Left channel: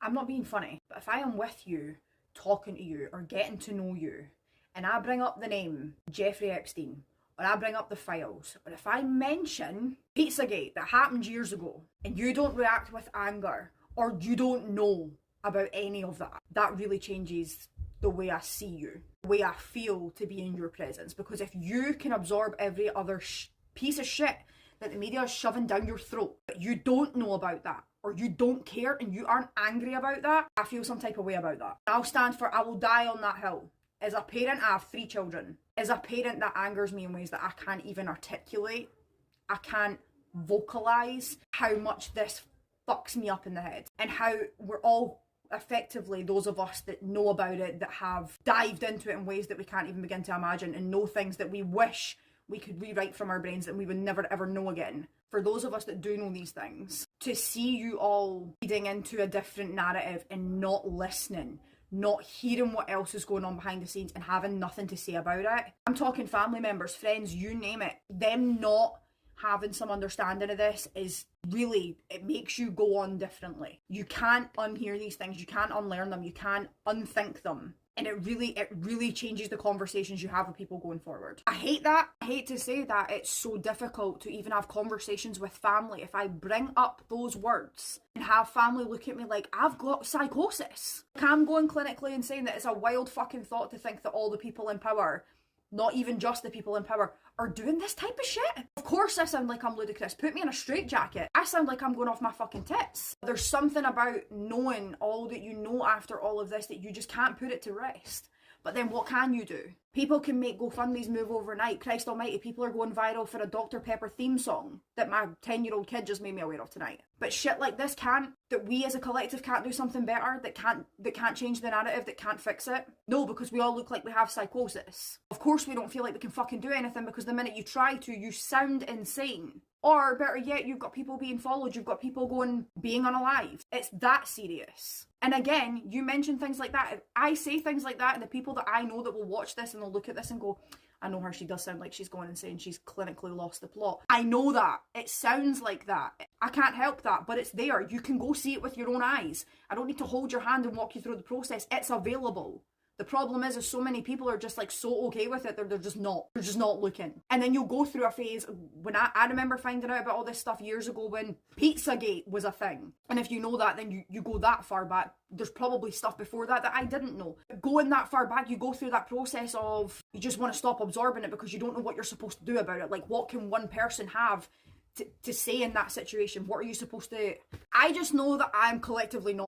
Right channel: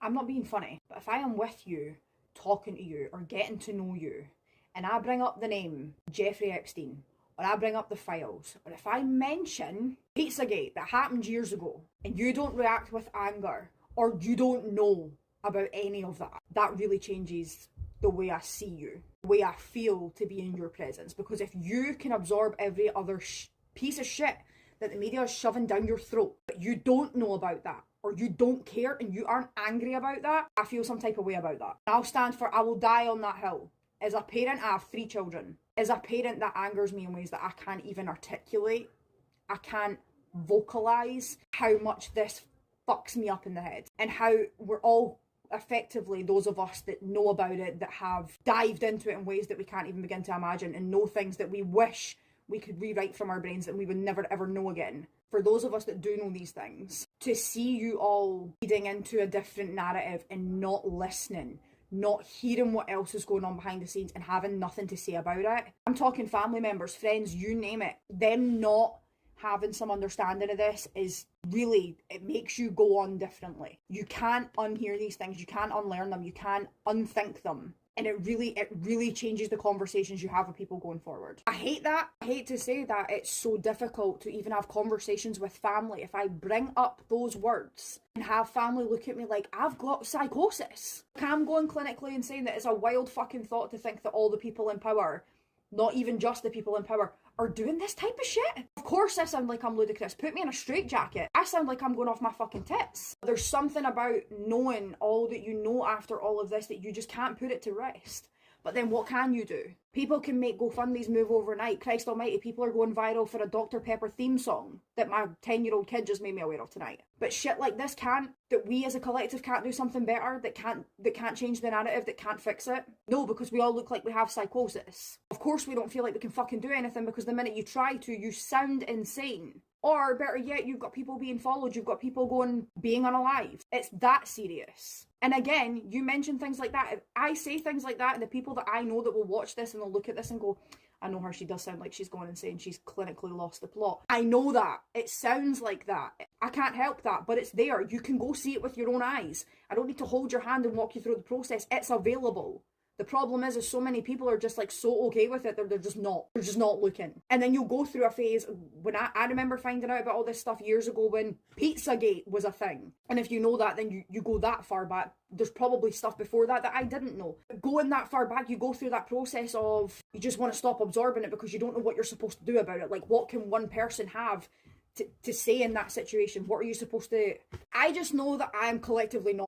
I'm not being funny, but if I am with you, talking to you, or getting to know you, and I bring up the name Jeffrey Epstein, or I bring up the files, or if I mention Pizzagate that happened years ago, and you don't react with anger, or you don't know about any of that, that really changes the way I see you, the way I feel to be in your presence. Because if you can absorb every other piece of shit that the media is shoving down your throat, but you don't know about that, or you don't care and you aren't angry about that, I feel some type of way about that. I'll stand for, I will die on that hill. As a parent, I have 3 children. As a parent, that angers me in ways that I can't even articulate. I can't vocalize how much this fucks me up in the head, and how we're all effectively, those of us that know about it, that have dived into it in ways that we can't even begin to imagine, and know things that we wish we could rewrite from our brains that we would never ever know again. For those of us that do know these things, to see you all feeding into a different narrative and not listening, not hearing what else is going on behind the scenes, and having nothing to say about it. I'm talking family members, friends, you name it. Them not having some understanding of this is really, it makes you go on differently. You can't unhear these things, you can't unlearn them, you can't unthink them. And it really changes the conversations you have with people going forward. I hate that. I hate to say that it's so difficult to even have conversations with family if I bring up those words and have family look at me like I've got psychosis. I'm going clinically and saying that it's a wild fucking thought to think that all the people in power, not even just the people in power, are doing this type of shit. Of course I sound like I'm ludicrous. Put me in a straitjacket. I sound like I'm going off my fucking tits. There's something about knowing all that you know after all of this that you just can't put it to rest. But then what can you do? People can make GoFundMe's move overnight. Christ almighty, people are going viral for a Dr. Pepper theme song that my 10-year-old kid just made me aware of tonight. But shit like this can't, that we as a collective can't do something better, that can't change the narrative, that can't fix it? No, because we all look like we have psychosis. Of course we don't feel like we can fucking do anything, because the minute you try to, you sound insane. Or better yet, you've got people being followed, you've got people being unalive. It's that serious. And again, you mention things like that. If I say things like that, and the people that I know that will watch this and they'll look at this and go, I know her, she does sound like she's going insane, she's clinically lost the plot. I know that. It sounds like that. I can't help that, but it's there. You can go see it with your own eyes. I don't need to hold your hand and walk you through the process. It's available. The problem is so many people are just like so okay with it that they're just not looking. And then you'll go through a phase when I remember finding out about all this stuff years ago when Pizzagate was a thing. And if you know that, then you go that far back. There's probably stuff before that I didn't know. Going that far back, you go through that process of you just want to stop absorbing it because you don't know what you're supposed to do about it. Like, what can one person have to say in that situation? What are you supposed to... I just know that I'm collectively not